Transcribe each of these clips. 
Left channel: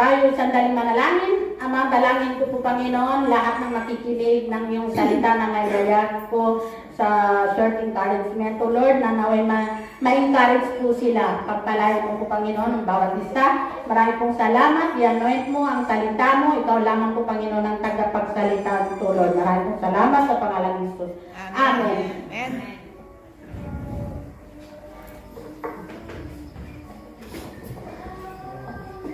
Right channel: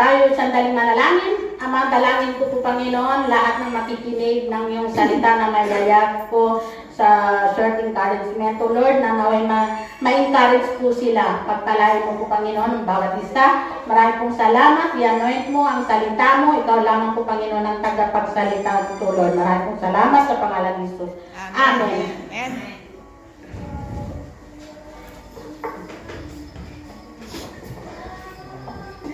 Tayo sandaling manalangin. Ama, dalangin ko po Panginoon, lahat ng makikinig ng iyong salita na may layag ko sa short encouragement. O Lord, na naway ma-encourage po sila. Pagpalain mo po Panginoon, bawat isa. Marami pong salamat. I-anoint mo ang salita mo. Ikaw lamang po Panginoon ang tagapagsalita po Lord. Marami pong salamat sa pangalan ni Jesus. Amen. Amen.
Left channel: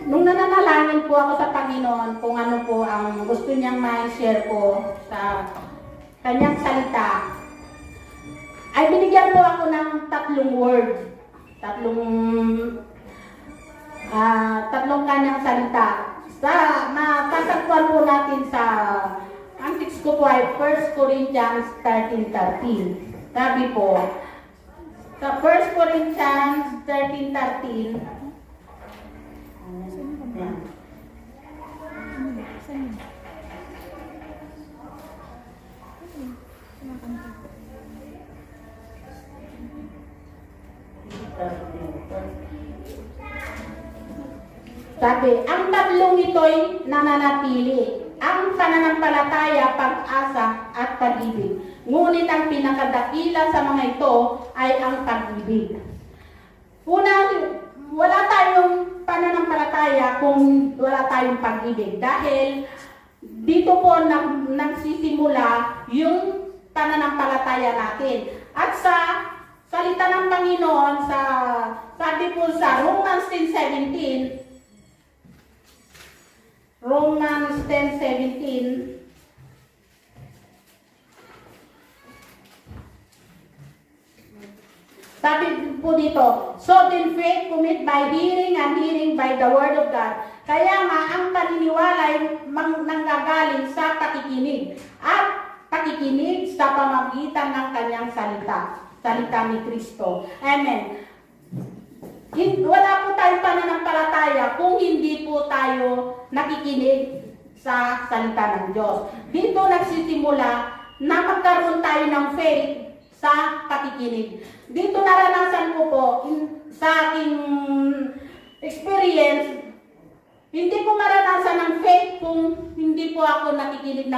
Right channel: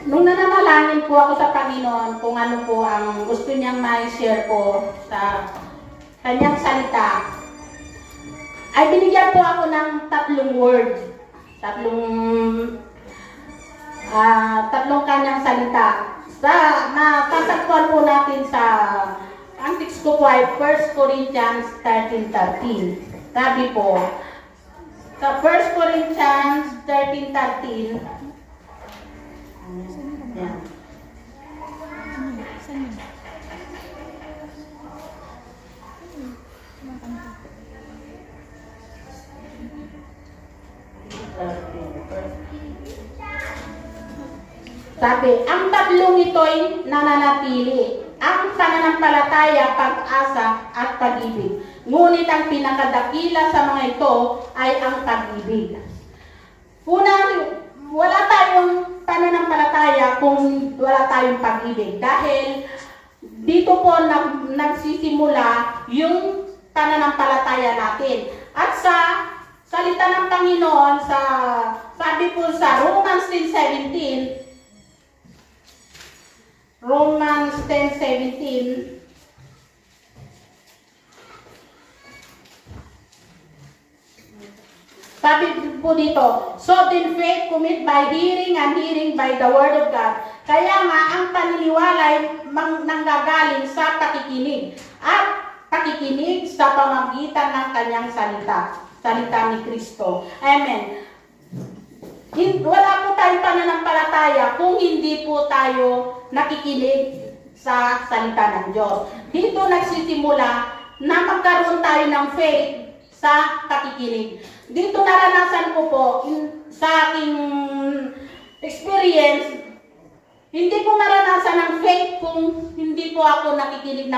Nung nananalangin po ako sa Panginoon kung ano po ang gusto niyang ma-share ko sa kanyang salita, ay binigyan po ako ng tatlong words. Tatlong kanyang salita. Matatagpuan po natin sa ang text ko po ay 1 Corinthians 13:13. Sabi po, sa 1 Corinthians 13:13, yan. Sabi, ang tatlong ito'y nananatili. Ang pananampalataya, pag-asa, at pag-ibig. Ngunit ang pinakadakila sa mga ito ay ang pag-ibig. Unang, wala tayong pananampalataya kung wala tayong pag-ibig. Dahil dito po nagsisimula yung pananampalataya natin. At sa salita ng Panginoon, sabi po sa Romans 10:17, sabi po dito, so then faith comes by hearing and hearing by the word of God. Kaya nga, ang paniniwala ay nanggagaling sa pakikinig at pakikinig sa pamamagitan ng kanyang salita ni Kristo. Amen. Wala po tayong pananampalataya kung hindi po tayo nakikinig sa salita ng Diyos. Dito nagsisimula na magkaroon tayo ng faith sa pakikinig. Dito naranasan ko po sa aking experience, hindi ko maranasan ng faith kung hindi po ako nakikinig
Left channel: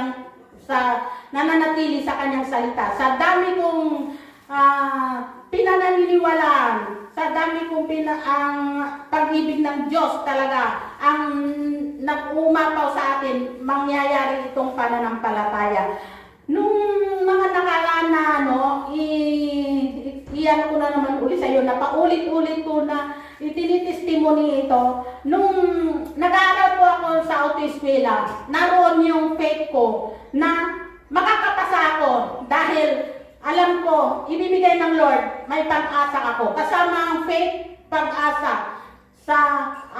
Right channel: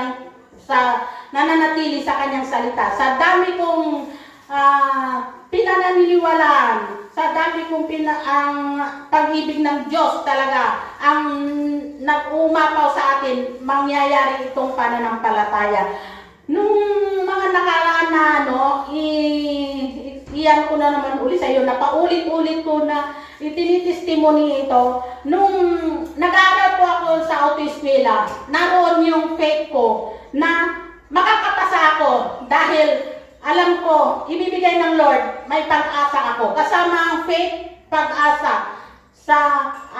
nananatili sa kanyang salita. Sa dami kong pinananiniwalaan, sa dami kong ang pag-ibig ng Diyos talaga ang nag-umapaw sa atin, mangyayari itong pananampalataya. Nung mga nakaraan na iyan ko na naman uli sa iyo, na paulit-ulit ko na itinitestimony ito. Nung nag-aaral po ako sa autoeskwela, naroon yung faith ko na makakapasa ako dahil alam ko, ibibigay ng Lord, may pag-asa ako. Kasama ang faith, pag-asa sa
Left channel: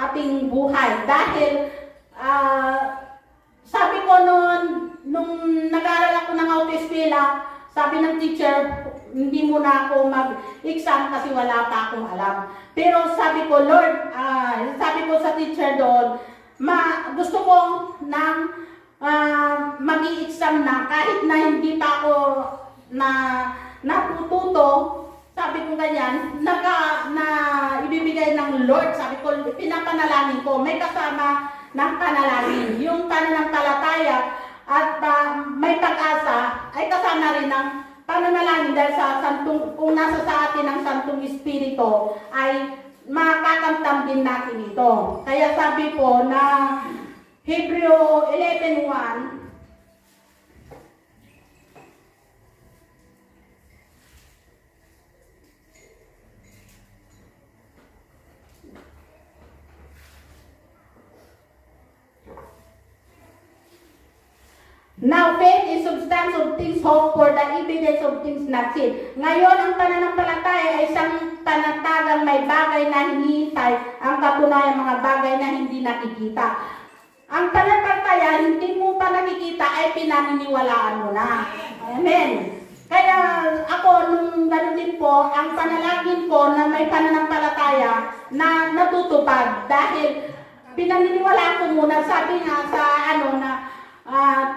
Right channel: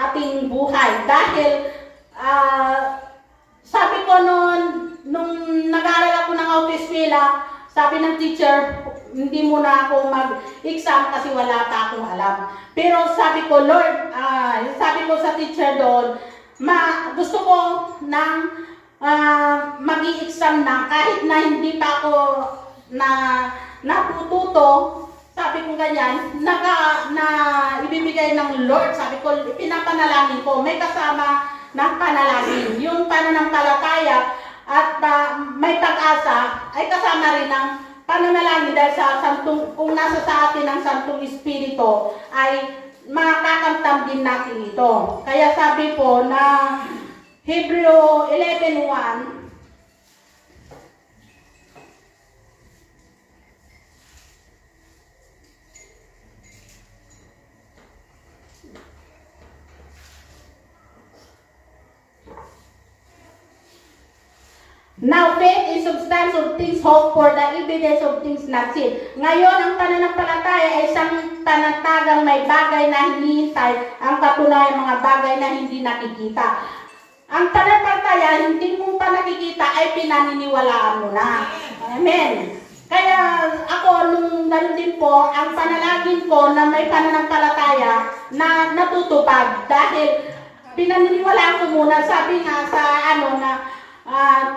ating buhay. Dahil, sabi ko nung nag-aaral ako ng autoeskwela, sabi ng teacher, hindi mo na ako mag-exam kasi wala pa akong alam. Pero sabi ko, Lord, sabi ko sa teacher doon, gusto ko ng mag-i-exam na kahit na hindi pa ako natututo, sabi ko ganyan, na ibibigay ng Lord, sabi ko, pinapanalangin ko, may kasama ng panalangin. Yung pananampalataya at may pag-asa ay kasama rin ng pananalangin dahil kung nasa sa atin ang Santong Espiritu ay makakamtam din natin ito. Kaya sabi po na Hebreo 11:1, now faith is substance of things hoped for, the evidence of things not seen. Ngayon, ang pananampalataya ay isang panatagang may bagay na hinihintay, ang katunayan mga bagay na hindi nakikita. Ang pananampalataya, hindi mo pa nakikita, ay pinaniniwalaan mo na. Amen. Kaya ako, nung gano'n din po, ang panalangin ko na may pananampalataya na natutupad. Dahil pinaniniwalaan ko muna, sabi nga sa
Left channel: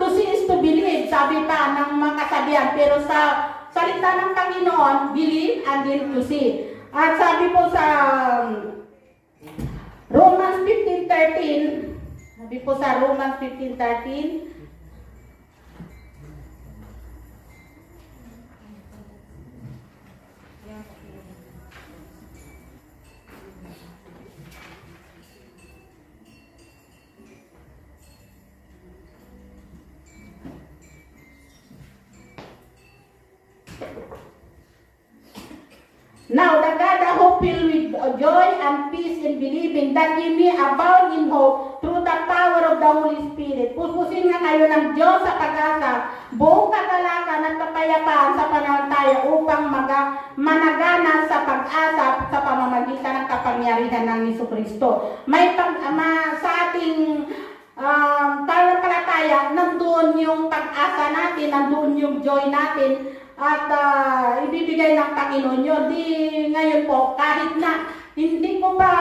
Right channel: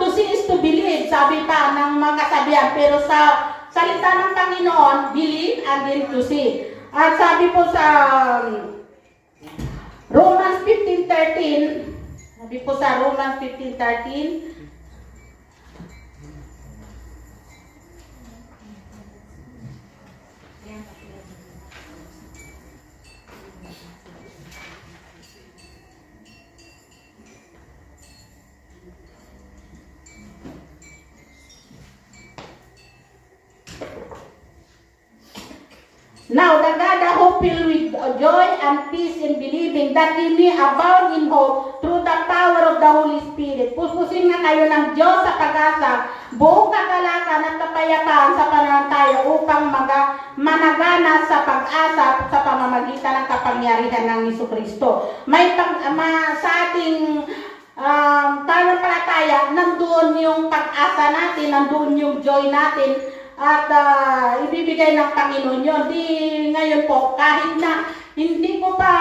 to see is to believe, sabi pa ng mga kasabihan. Pero sa salita ng Panginoon, believe and then to see. At sabi po sa Romans 15:13, Di po sa Romans 15:13. Now, the God who filled with joy and peace in believing that ye may abound in hope through the power of the Holy Spirit. Puspusin nga kayo ng Diyos sa pag-asa, buong kagalakan at kapayapaan sa pananampalataya upang managana sa pag-asa sa pamamagitan ng kapangyarihan ng Jesucristo. Sa ating pananampalataya, nandoon yung pag-asa natin, nandoon yung joy natin, at ibibigay ng Panginoon yun. Di ngayon po, kahit na hindi ko pa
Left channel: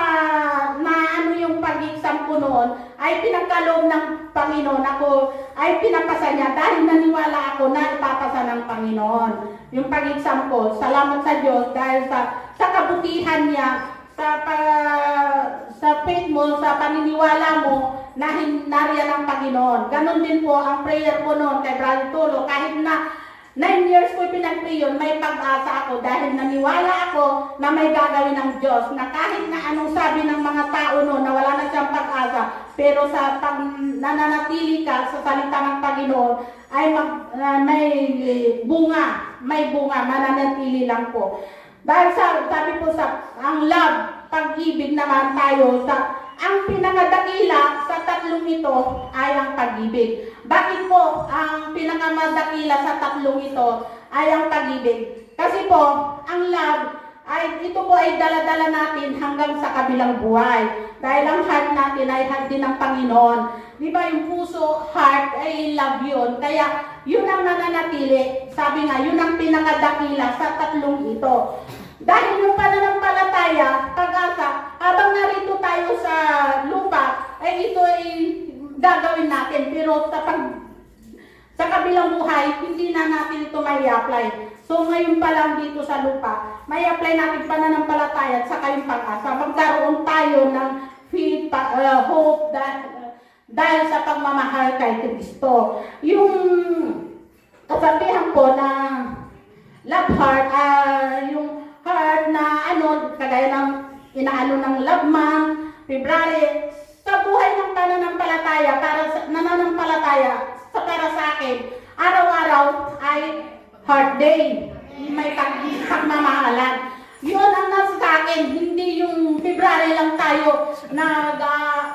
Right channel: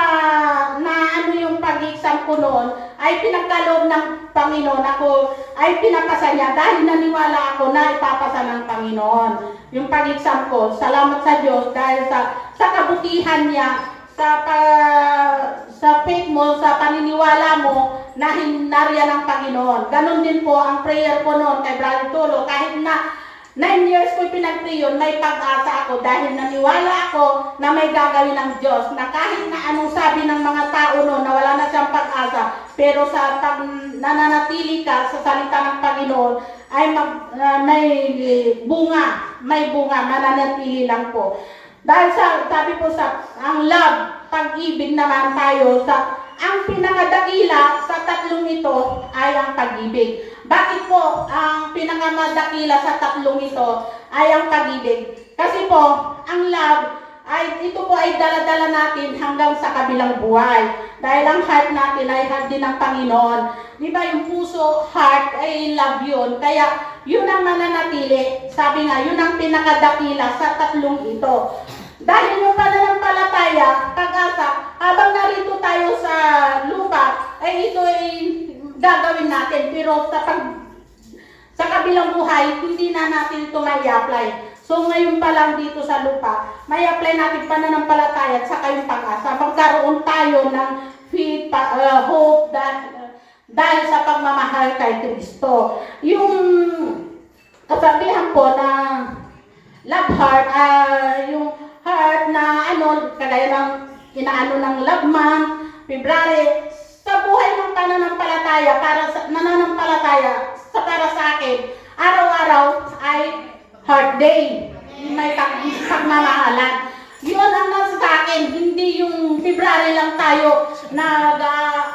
na ano yung pag-exam ko noon, ay pinagkaloob ng Panginoon. Ako ay pinapasa niya dahil naniwala ako na ipapasa ng Panginoon yung pag-exam ko. Salamat sa Diyos dahil sa kabutihan niya, sa faith mo, sa paniniwala mo na nariyan ng Panginoon. Ganon din po ang prayer ko noon kay Brother Tulo. Kahit na 9 years ko pinag-pray yun, may pag-asa ako dahil naniwala ako na may gagawin ng Diyos, na kahit na anong sabi ng mga tao noon na wala na siyang pag-asa, pero sa pag nananatili ka sa salita ng Panginoon ay may bunga, nananatili lang po. Dahil sabi po ang love, pag-ibig naman tayo, ang pinakadakila sa tatlong ito ay ang pag-ibig. Bakit po ang pinakamadakila sa tatlong ito ay ang pag-ibig? Kasi po, ang love, ito po ay dala-dala natin hanggang sa kabilang buhay. Dahil ang heart natin ay heart din ng Panginoon. Di ba yung puso, heart, ay love yun. Kaya yun ang mananatili. Sabi nga, yun ang pinakadakila sa tatlong ito. Dahil yung pananampalataya, pag-asa, habang narito tayo sa lupa, ay ito ay gagawin natin. Pero sa kabilang buhay, hindi na natin ito may apply. So ngayon pa lang dito sa lupa, may apply natin pananampalataya at saka yung pag-asa. Magkaroon tayo ng faith, hope, dahil sa pagmamahal kay Kristo. Yung kasabihan po na love heart, yung heart na kagaya ng inaano ng love month, February, sa buhay ng pananampalataya, nananampalataya, para sa akin, araw-araw ay heart day, may pagmamahalan. Yun ang nasa sa akin, hindi yung February lang tayo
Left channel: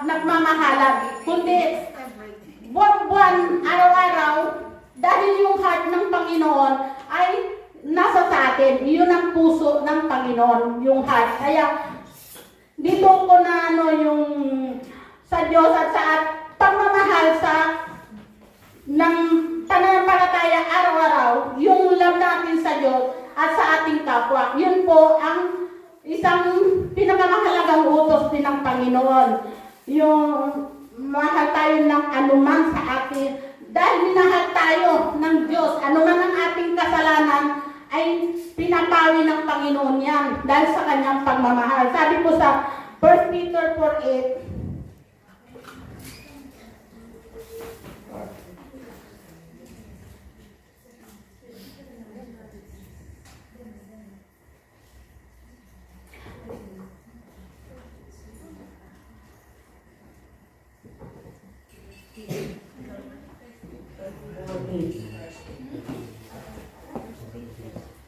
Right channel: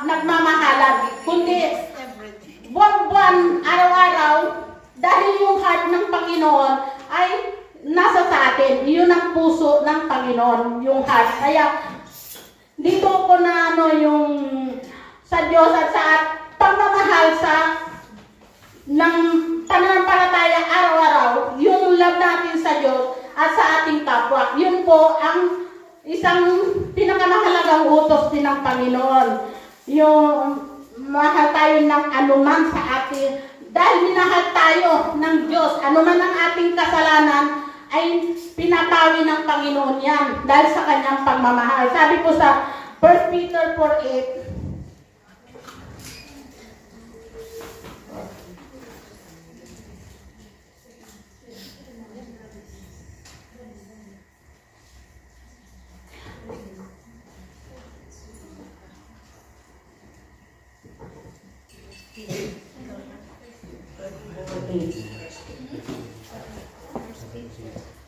nagmamahalan, kundi buwan-buwan, araw-araw, dahil yung heart ng Panginoon ay nasa sa atin. Yun ang puso ng Panginoon, yung heart. Kaya dito ko na yung sa Diyos at sa pagmamahal ng pananampalataya araw-araw, yung love natin sa Diyos at sa ating kapwa. Yun po ang isang pinakamahalagang utos din ng Panginoon. Yung mahal tayo ng anuman sa atin. Dahil minahal tayo ng Diyos, anuman ang ating kasalanan, ay pinapawi ng Panginoon yan dahil sa kanyang pagmamahal. Sabi po sa 1 Peter 4:8,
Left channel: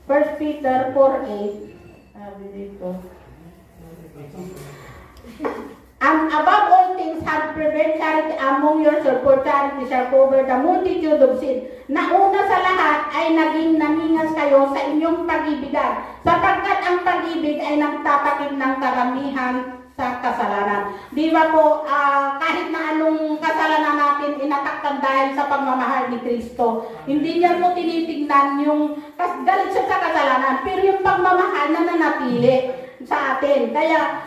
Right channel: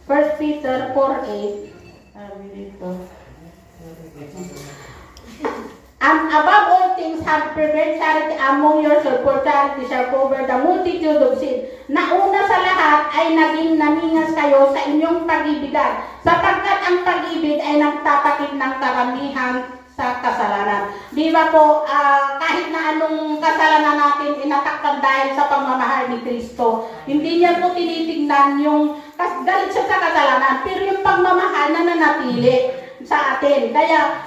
First Peter 4:8, sabi dito, and above all things have prepared charity among yourselves, for charity shall cover the multitude of sin. Nauna sa lahat ay naging namingas kayo sa inyong pag-ibigan, sapagkat ang pag-ibig ay nagtatakip ng karamihan sa kasalanan. Di ba po, kahit na anong kasalanan natin inatakpan dahil sa pagmamahal ni Kristo, hindi niya po tinitingnan yung galit siya sa kasalanan, pero yung pagmamahal na nanatili sa atin. Kaya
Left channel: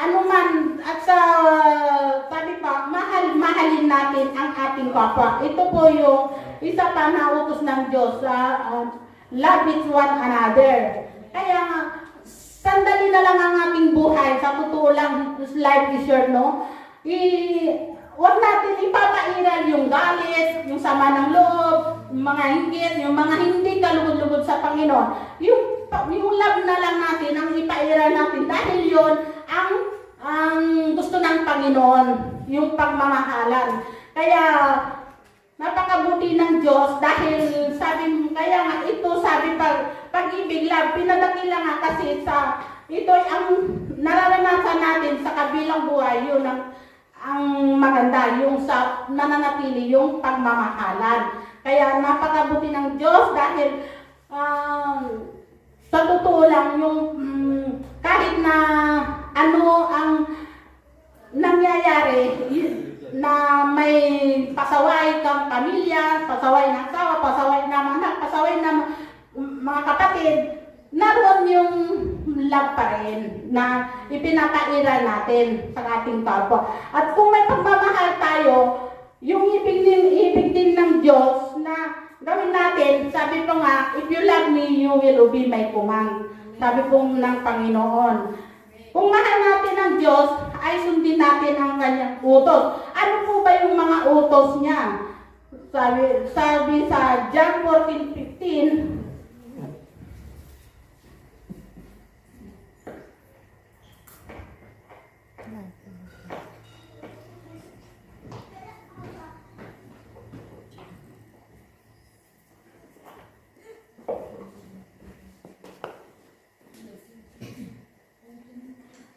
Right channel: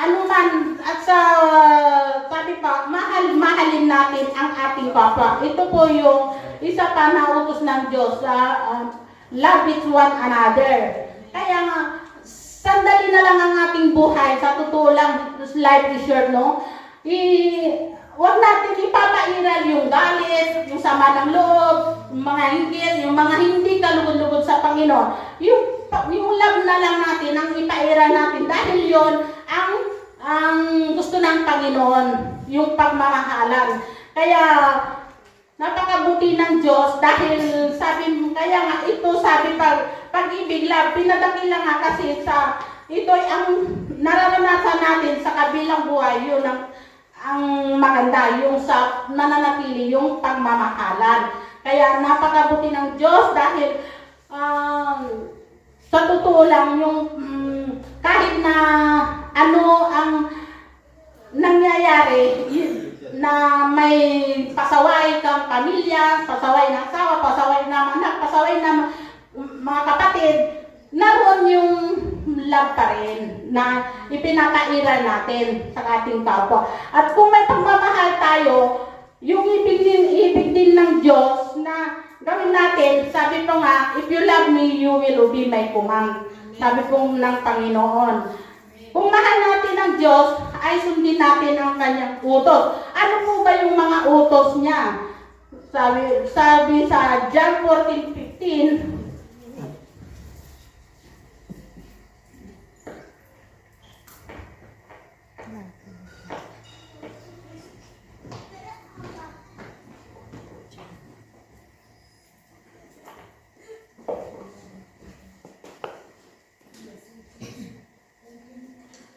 anuman at sabi pa, mahalin natin ang ating kapwa. Ito po yung isa pa na utos ng Diyos, love is one another. Kaya sandali na lang ang ating buhay. Sa totoo lang, life is short, no? huwag natin ipapairal yung galit, yung sama ng loob, yung mga hinggil, yung mga hindi kalugod-lugod sa Panginoon. Yung love na lang natin ang ipairal natin dahil yon ang gusto ng Panginoon, yung pagmamahalan. Kaya napakabuti ng Diyos dahil kaya nga ito sabi pag-ibig, love, pinadakila nga kasi ito ay ang nararanasan natin sa kabilang buhay, yun ang maganda, yung sa nananatili, yung pagmamahalan. Kaya napakabuti ng Diyos dahil sa totoo lang, yung kahit na ano ang nangyayari, na may pasaway kang pamilya, pasaway ng asawa, pasaway ng anak, pasaway ng mga kapatid, naroon yung love pa rin na ipinapairal natin sa ating kapwa. At kung may pagmamahal tayo, yung ibig din ng Diyos na gawin natin, sabi pa nga, if you love me, you will obey my command. Sabi po ng Panginoon. Kung mahal natin ang Diyos, ay sundin natin ang kanyang utos. Ano po ba yung mga utos niya? Sabi sa John 14:15,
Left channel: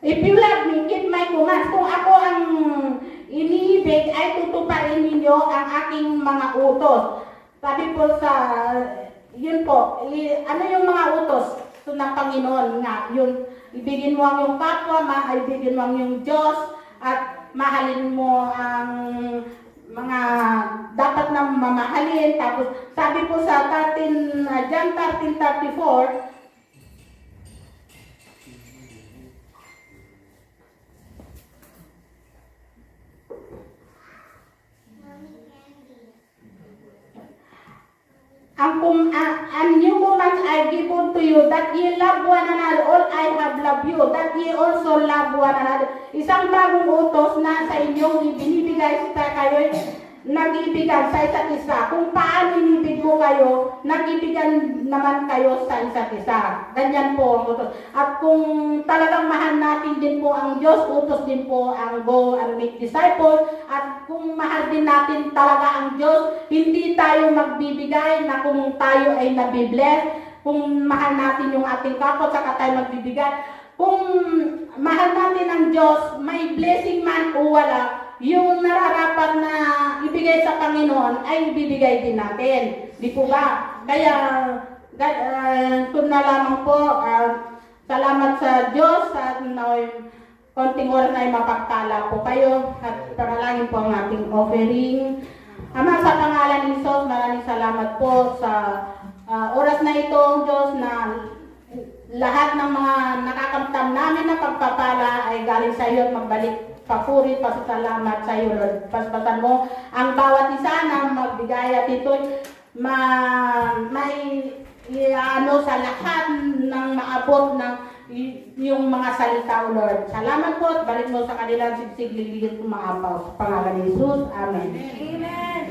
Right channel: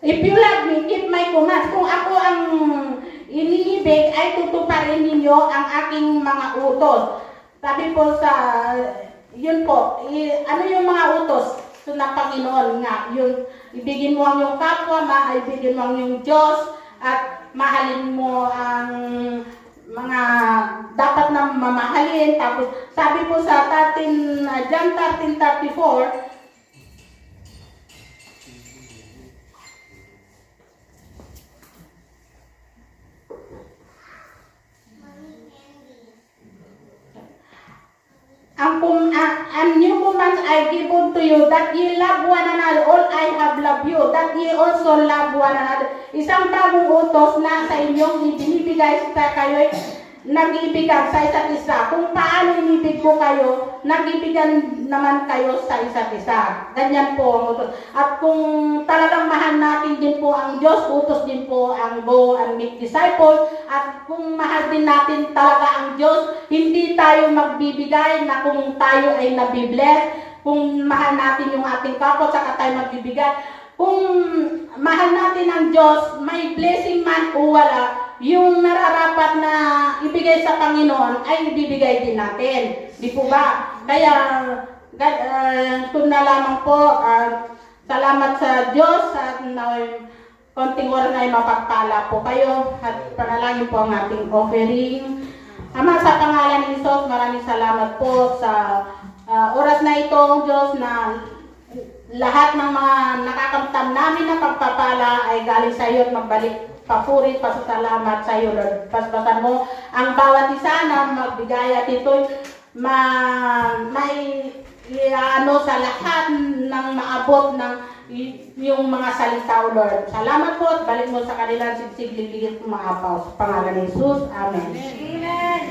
if you love me, keep my commands. Kung ako ang iniibig, ay tutuparin ninyo ang aking mga utos. Sabi po yun po, ano yung mga utos ng Panginoon nga? Yung ibigin mo ang iyong kapwa, ibigin mo ang iyong Diyos, at mahalin mo ang mga dapat na mamahalin. Tapos sabi po sa John 13:34, and new commands I give unto you, that ye love one another, all I have loved you, that ye also love one another. Isang bagong utos na sa inyong ibinibigay sa kayo, nag-ibigan sa isa't isa. Kung paano inibig ko kayo, nag-ibigan naman kayo sa isa't isa. Ganyan po ang utos. At kung talagang mahal natin din po ang Diyos, utos din po ang go and make disciples. At kung mahal din natin talaga ang Diyos, hindi tayo magbibigay na kung tayo ay nabibless. Kung mahal natin yung ating kapwa, saka tayo magbibigay. Kung mahal natin ang Diyos, may blessing man o wala, yung nararapat na ibigay sa Panginoon ay ibibigay din natin. Di po ba? Kaya, kung na lamang po, salamat sa Diyos at konting oras ay mapagpala po kayo at panalangin po ang ating offering. Ama, sa pangalan ni Jesus, maraming salamat po sa oras na ito, Diyos, na lahat ng mga nakakamtam namin na pagpapala ay galing sa iyo at magbalik papuri, pasasalamat sa iyo, Lord. Paspasan mo ang bawat isa na magbigay at ito'y sa lahat ng maabot ng yung mga salita, O Lord. Salamat po at balik mo sa kanilang sigsig, liligid kumaapaw. Sa pangalan ni Jesus. Amen. Amen.